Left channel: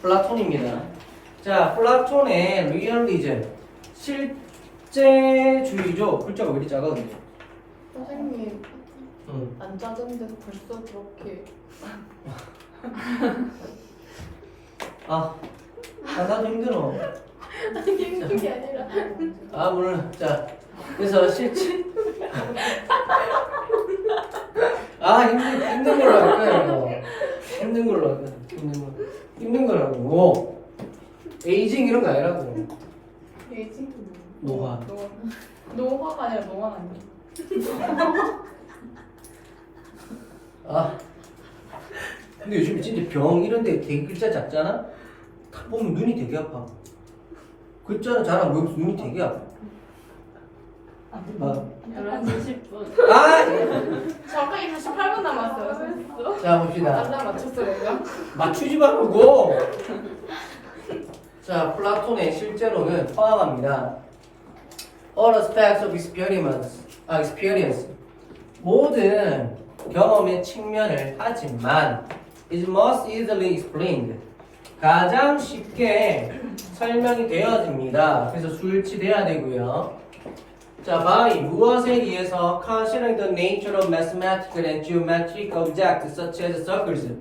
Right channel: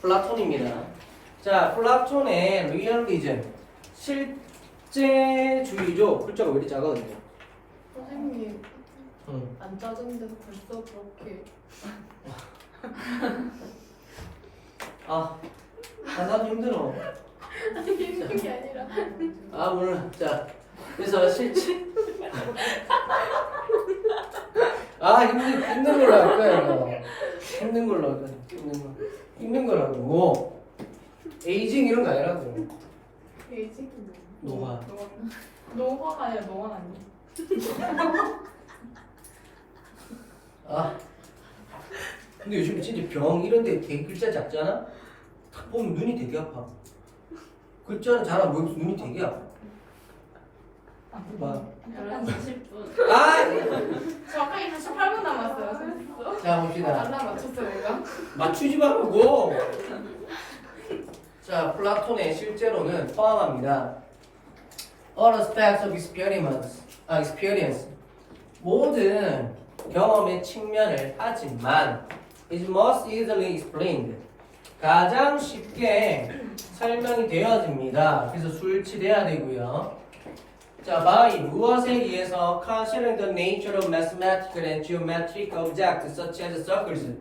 플라톤입니다. 자, 플라톤의 리얼리즘 실제주의죠. 글자가 왜 이리 작아 근데? 선생님 응. 안 짜증내서 벌써 그렇게 아, 아, 난 힘들어. 아니 그게 아니라 아, 물론. 자, 그래서 실제. 아, 힘든, 힘든 걸로 할 거야, 이거. 힘든 걸로 할 거야. 힘든 거. 힘든 거라고. 에이징 이런 거 아니라고. 베이징 노화. 노화가 아니라 노화 아니야 아. 근데 요즘 진짜 병 이런 데 되게 글자 작잖아? 딱 보면 눈이 되게 아파. 글자는 잘안 보이면서 눈이 되게 아파. 봐. 11시 10분. 아! 저가 이제 18분 남았어요 선생님 자, 봅시다. 맞추지 말고. 자, 플라톤의 실제로는 포함합니다. All aspects of experience, 아, experience. 모든 경험의 측면을 하지만 is most easily explained. 가장 쉽게 설명이 되어집니다. 그래서 수일치돼야 되고요. 자, by 무엇에 의해서 considering the nature of mathematical and geometric objects such as circles.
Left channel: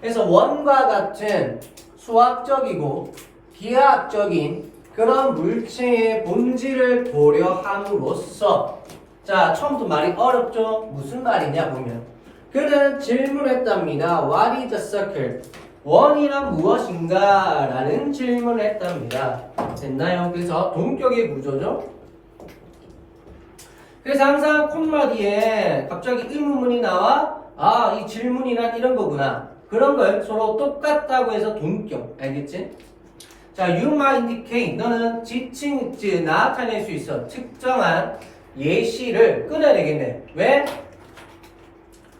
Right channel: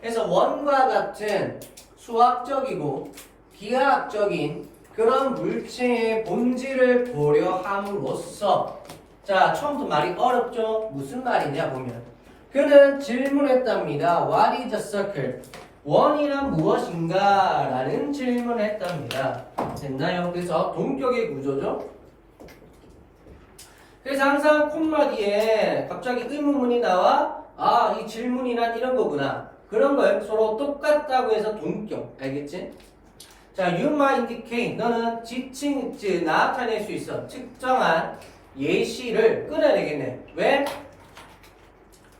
그래서 원과 같은 수학적이고 기하학적인 그런 물체의 본질을 고려함으로써 자 처음부터 말이 어렵죠? 무슨 말이냐 보면 그는 질문했답니다. What is a circle? 원이란 무엇인가? 라는 질문을 했답니다. 됐나요? 그래서 동격의 구조죠? 그래서 항상 콤마 뒤에 갑자기 의문문이 나와 아 이 질문이란 이런 거구나. 그런 걸 서로 똑같다고 해서 동격. 알겠지? 자 you might indicate. 너는 지칭 즉 나타낼 수 있어. 특정한 예시를 끊어야 되겠네. 왜?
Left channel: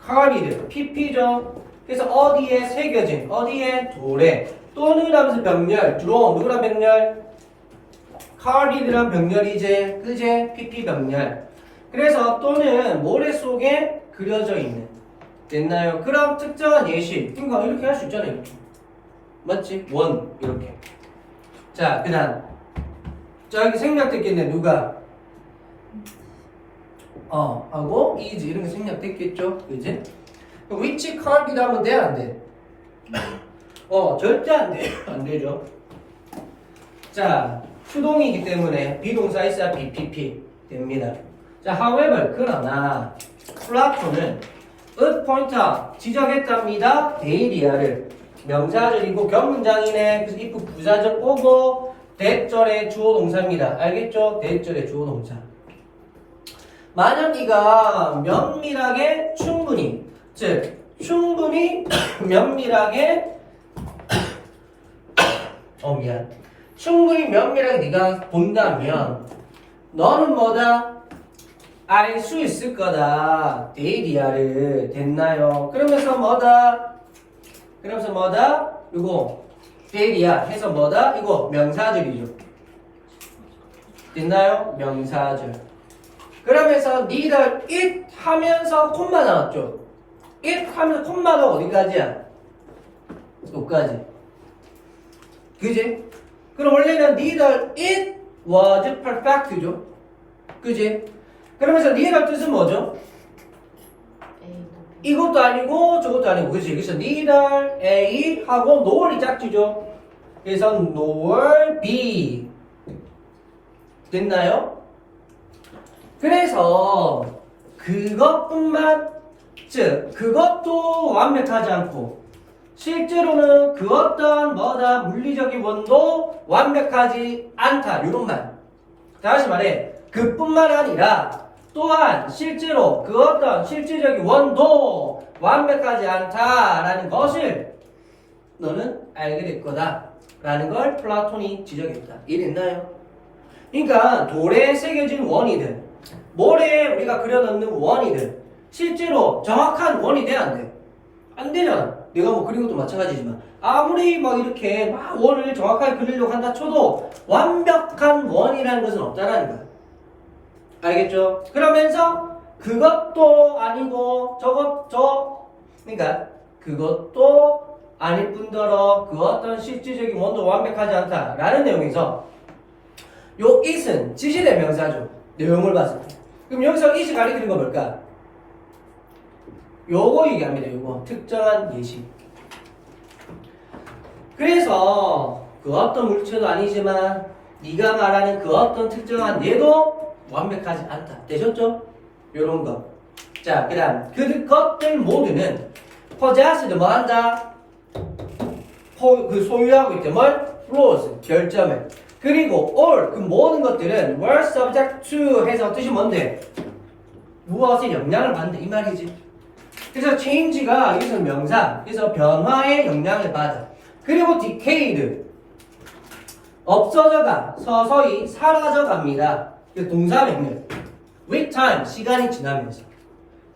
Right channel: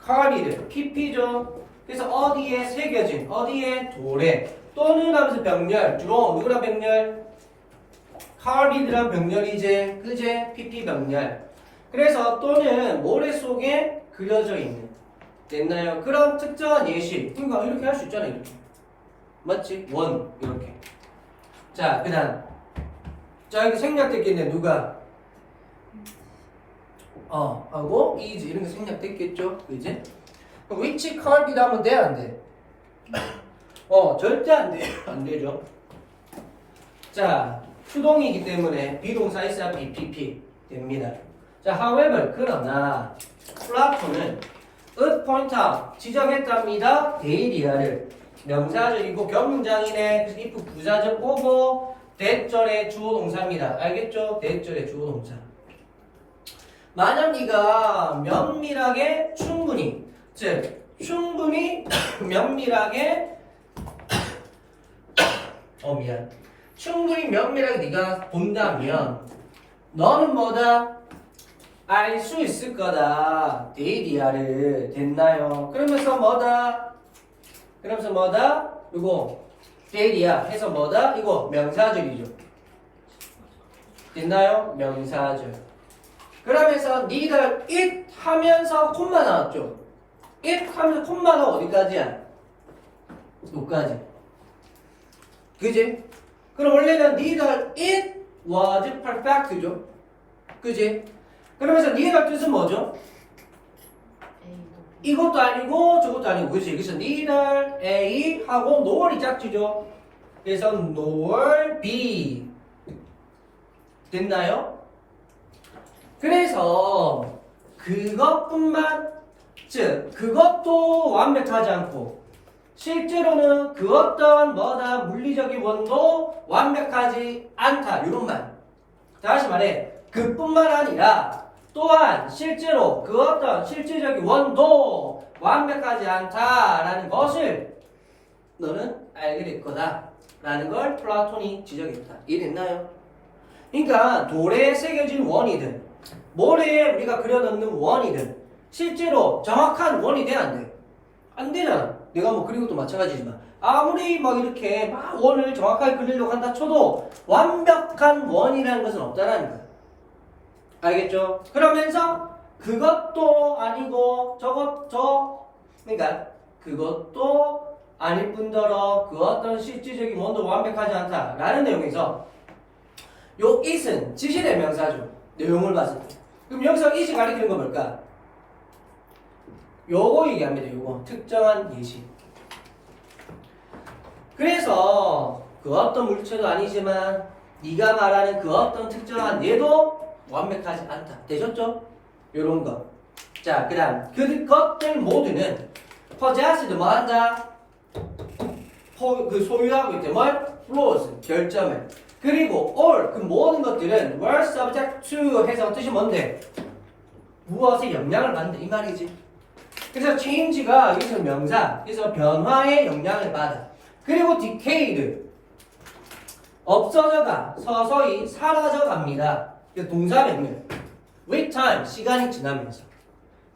카비드 PP죠 그래서 어디에 새겨진 어디에 돌에. 또는 하면서 병렬 주로 누구랑 병렬? 카비드랑 병렬이제 그제? PP 병렬 그래서 또는 모래 속에 그려져 있는 됐나요? 그럼 특정한 예시 그러니까 이렇게 할 수 있잖아요. 맞지? 원 이렇게 자 그다음 저기 생략됐겠네 누가 어 하고 is 이런 게 생략됐겠죠 그지? 그럼 which card이다 하면 돼? 안 돼? 어 절대 안 돼. 안 되죠 자 수동이기 때문에 비동사 있어야 BPP 됩니다 자, however, 그러나 플라톤은 a point out, 지적했답니다. 데이리아를 명사절이고 경문장이네. 그래서 if 부사절 오고 대절의 주어 동사입니다. 알겠죠? 대절의 주어 동사. 만약 네가 면밀하게 충분히 즉 충분히 면밀하게 어 미안 충분히 면밀하게 네가 본다면 너는 뭐다? 알 수 있을 거다. 데이리아를 됐나요? 그러면서 뭐다? 그러면서 뭐다? 이거 데이리아 해서 뭐다? 이거 명사절이죠. 됐나요? 명사절. 그러면서 니들 it 하면서 콤마 나왔죠. it 하면서 콤마가 어디까지야? 여기까지. 그지? 그럼 원래는 니들 it was perfect죠. 그지? 그러면서 니가 뜻은 뭐죠? 이것도 아니고 저것도 아니고. 그치 그래서 neither A 하고 nor이 짝지죠. 그래서 nor B. 됐나요? 그래서 그것뿐만 즉 그것도 완벽하지 않고 실제로는 그 어떤 뭐다 물리적인 원도 완벽하지 않다. 이런 말 다시 말해. 그뿐만 아니라 또한 실제로 그 어떤 실질적인 원도 완벽하지 않다라는 것을 너는 알게 될 거다 라는 걸 플라톤이 지적했다. 이해됐나요? 그러니까 돌에 새겨진 원이든 모래에 우리가 그려넣는 원이든 실제로 정확한 원이 돼안 돼? 안 되잖아. 내가 뭐 그린 것도 마찬가지지만 아무리 막 이렇게 막 원을 정확하게 그리려고 한다 쳐도 완벽한 원이라는 것은 없다라는 거야. 알겠죠? 그러면서 그것도 아니고 저것 저 그러니까 그것도 아닐 뿐더러 그 어떤 실질적인 원도 완벽하지 않다라는 내용에서 요 it은 지시대명사죠. 내용을 봤을 때. 그럼 여기서 it이 가리키는 거 뭘까? 요거 얘기합니다. 요거 특정한 예시. 그래서 그 어떤 물체도 아니지만 네가 말하는 그 어떤 특정한 얘도 완벽하지 않다. 되셨죠? 요런 거. 자, 그 다음 그 것들 모두는 possessed 뭐 한다? 포, 그 소유하고 있대. 뭘? flaws 결점을. 그리고 all 그 모든 것들은 were subject to 해서 뜻이 뭔데? 무엇에 영향을 받는다 이 말이지. 그래서 change가 여기서 명사, 그래서 변화에 영향을 받아. 그리고 decayed 없어져가 서서히 사라져 갑니다. 그 동사 명령. with time 시간이 지나면서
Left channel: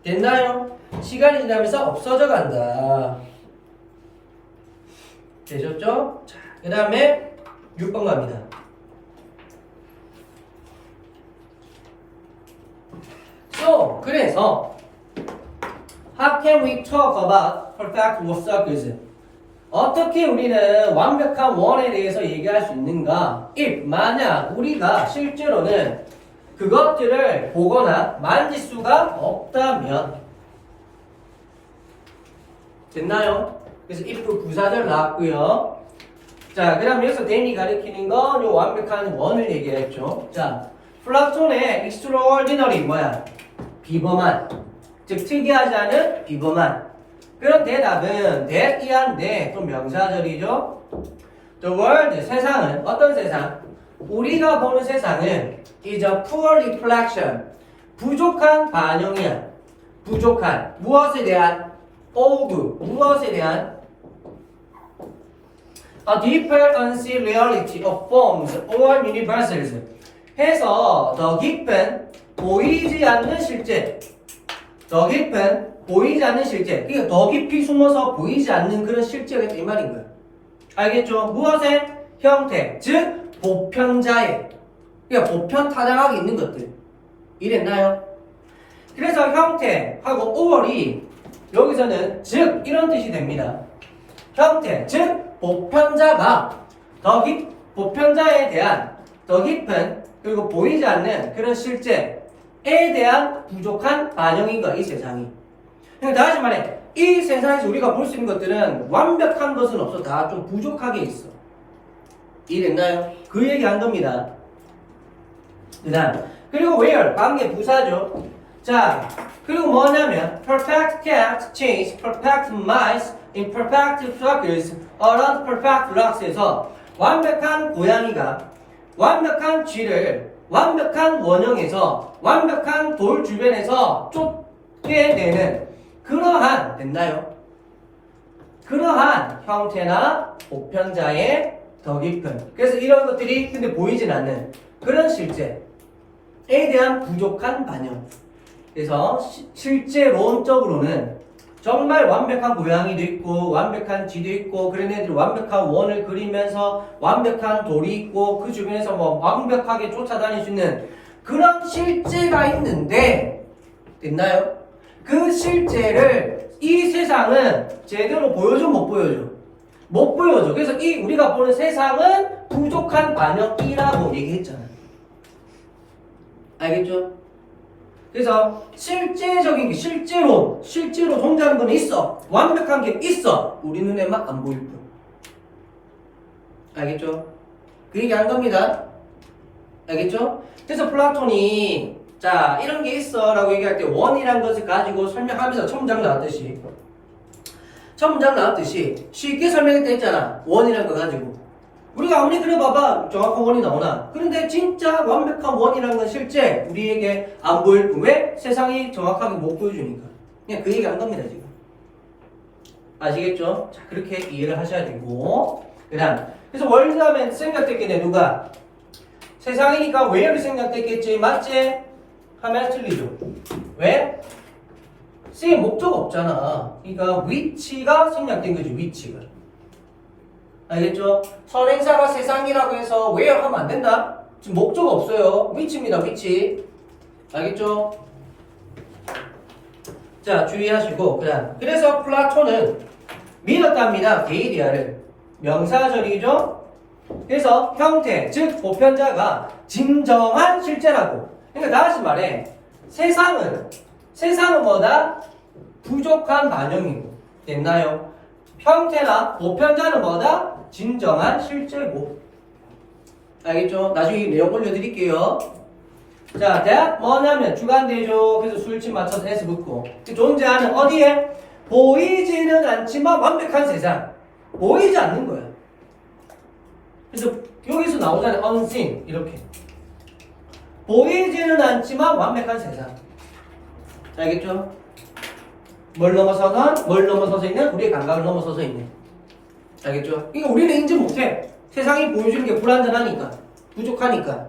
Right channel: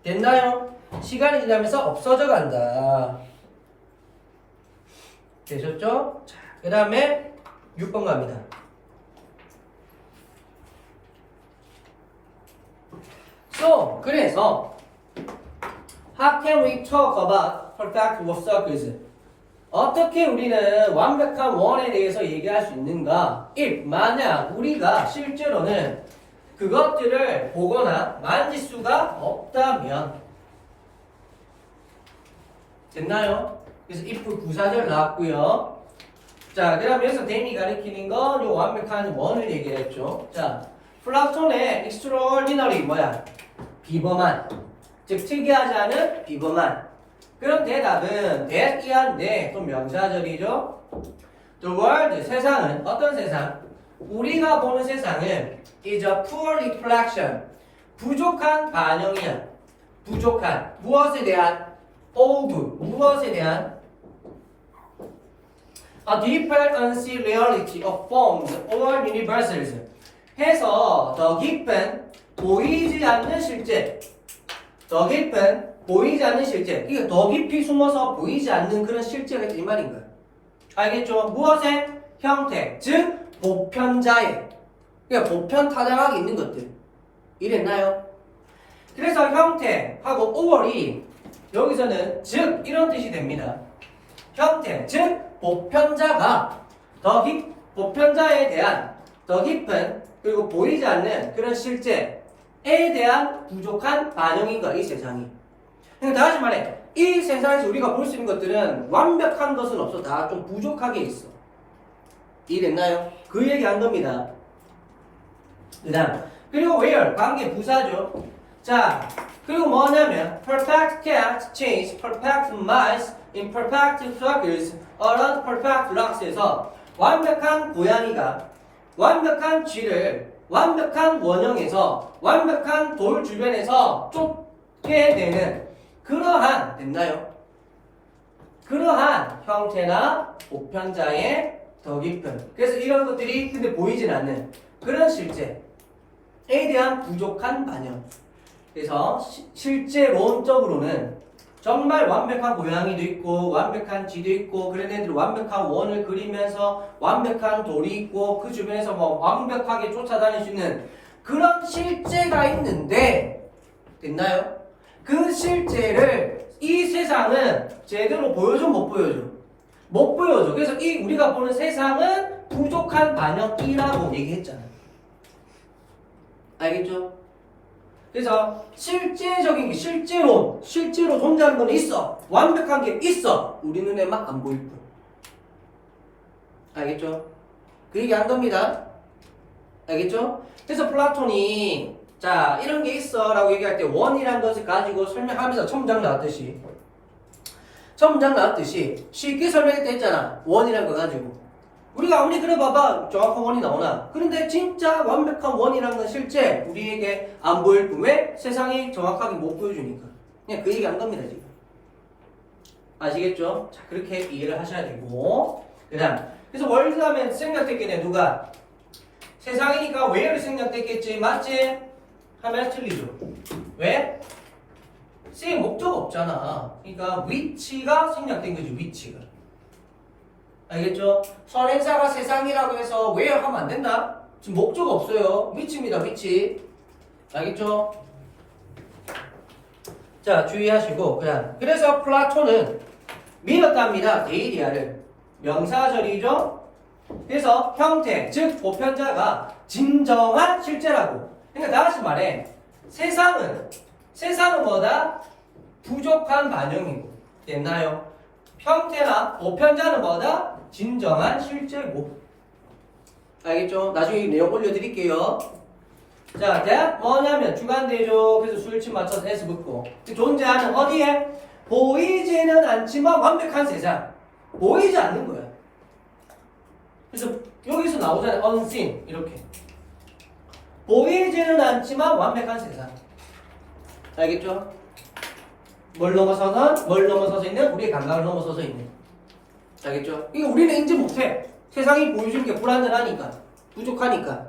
됐나요? 시간이 지나면서 없어져 간다. 되셨죠? 자, 그 다음에 6번 갑니다. So, 그래서 How can we talk about perfect circles? 어떻게 우리는 완벽한 원에 대해서 얘기할 수 있는가? if 만약 우리가 실제로는 그것들을 보거나 만질 수가 없다면 됐나요? 그래서 if 부사절 나왔고요. 자, 그다음 여기서 댄이 가리키는 건 요 완벽한 원을 얘기했죠. 자, 플라톤의 extraordinary 뭐야? 비범한, 즉 특이하지 않은 비범한. 그런 대답은 대이한데 또 명사절이죠. The world 세상은 어떤 세상? 우리가 보는 세상은 is a poor reflection 부족한 반영이야. 부족한 무엇에 대한 of 무엇에 대한 a deeper unseen reality of forms or universals 해서 더 깊은 보이지 않는 실제 더 깊은 보이지 않는 실제 그러니까 더 깊이 숨어서 보이지 않는 그런 실제가 이 말인 거야 알겠죠? 무엇의 형태 즉 보편자의 그러니까 보편 타당하게 있는 것들 이랬나요? 그래서 형태하고 5월이 여기서는 즉 이런 뜻이 됩니다 형태 즉 보편자가 더 깊, 보편자에 대한 더 깊은 그리고 보이지 않는 그런 실제에 대한 부족한 반영인 거야 이 세상이. 다시 말해 이 세상에서 우리가 볼 수 있는 것들은 완벽한 것은 없어 다 좀 부족하게 있어. 이해됐나요? 그 얘기 한 겁니다. 그 다음 그리고 where 관계 부사죠. 자 그리고 뭐냐면 perfect cat change perfect mice in perfect circles around perfect rocks에서 완벽한 고양이가 완벽한 쥐를 완벽한 원형에서 완벽한 돌 주변에서 쫓게 되는 그러한 됐나요? 그러한 형태나 보편자의 더 깊은 그래서 이런 것들이 근데 보이진 않는 그런 실제에 대한 부족한 반영 그래서 시- 실제론적으로는 정말 완벽한 고양이도 있고 완벽한 쥐도 있고 그런 애들 완벽한 원을 그리면서 완벽한 돌이 있고 그 주변에서 뭐 완벽하게 쫓아다닐 수 있는 그런 실제가 있는데 됐나요? 그 실제를 이 세상은 제대로 보여줘 못 보여줘? 못 보여줘. 그래서 이 우리가 보는 세상은 부족한 반영이라고 얘기했잖아요. 알겠죠? 그래서 실제적인 게 실제로 실제로 존재하는 건 있어 완벽한 게 있어 우리 눈에만 안 보일 뿐 알겠죠? 그 얘기 한 겁니다 알겠죠? 그래서 플라톤이 자 이런 게 있어 라고 얘기할 때 원이란 것을 가지고 설명하면서 첨장 나왔듯이. 첨장 나왔듯이 쉽게 설명했다 했잖아. 원이란 거 가지고. 우리가 아무리 그래 봐봐. 정확한 원이 나오나. 그런데 진짜 완벽한 원이라는 건 실제 우리에게 안 보일 뿐. 왜? 세상이 정확하게 못 보여주니까. 그냥 그 얘기 한 겁니다 지금. 아시겠죠? 자 그렇게 이해를 하셔야 되고. 그 다음. 그래서 월드 하면 생각됐겠네 누가? 세상이니까 왜를 생각됐겠지. 맞지? 하면 틀리죠 왜? C 목적 없잖아 그러니까 위치가 생략된 거죠 위치가 알겠죠? 선행사가 세상이라고 해서 왜 하면 안 된다? 지금 목적 없어요. 위치입니다, 위치. 알겠죠? 자, 주의하시고, 그 다음. 그래서 플라톤은 믿었답니다. 데이리아를. 명사절이죠. 그래서 형태, 즉 보편자가 진정한 실제라고. 그러니까 나같이 말해. 세상은 세상은 뭐다? 부족한 반영이고. 됐나요? 형태나 보편자는 뭐다? 진정한 실제고. 알겠죠? 나중에 내용 올려드릴게요. 자, 대학 뭐냐면 주관대죠. 그래서 수일침 맞춰서 S 붙고. 그 존재하는 어디에? 보이지는 않지만 완벽한 세상. 보이지 않는 거야. 그래서 여기서 나오잖아요. unseen. 이렇게. 보이지는 않지만 완벽한 세상. 알겠죠? 뭘 넘어서선 뭘 넘어서서 있는 우리의 감각을 넘어서서 있는. 알겠죠? 그러니까 우리는 인지 못해. 세상이 보여주는 게 불완전하니까. 부족하니까.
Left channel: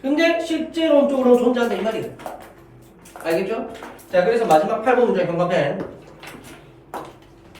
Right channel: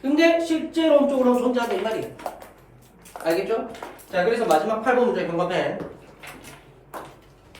근데 실제론적으로 존재한다 이 말이에요. 알겠죠? 자, 그래서 마지막 8번 문제 경과펜.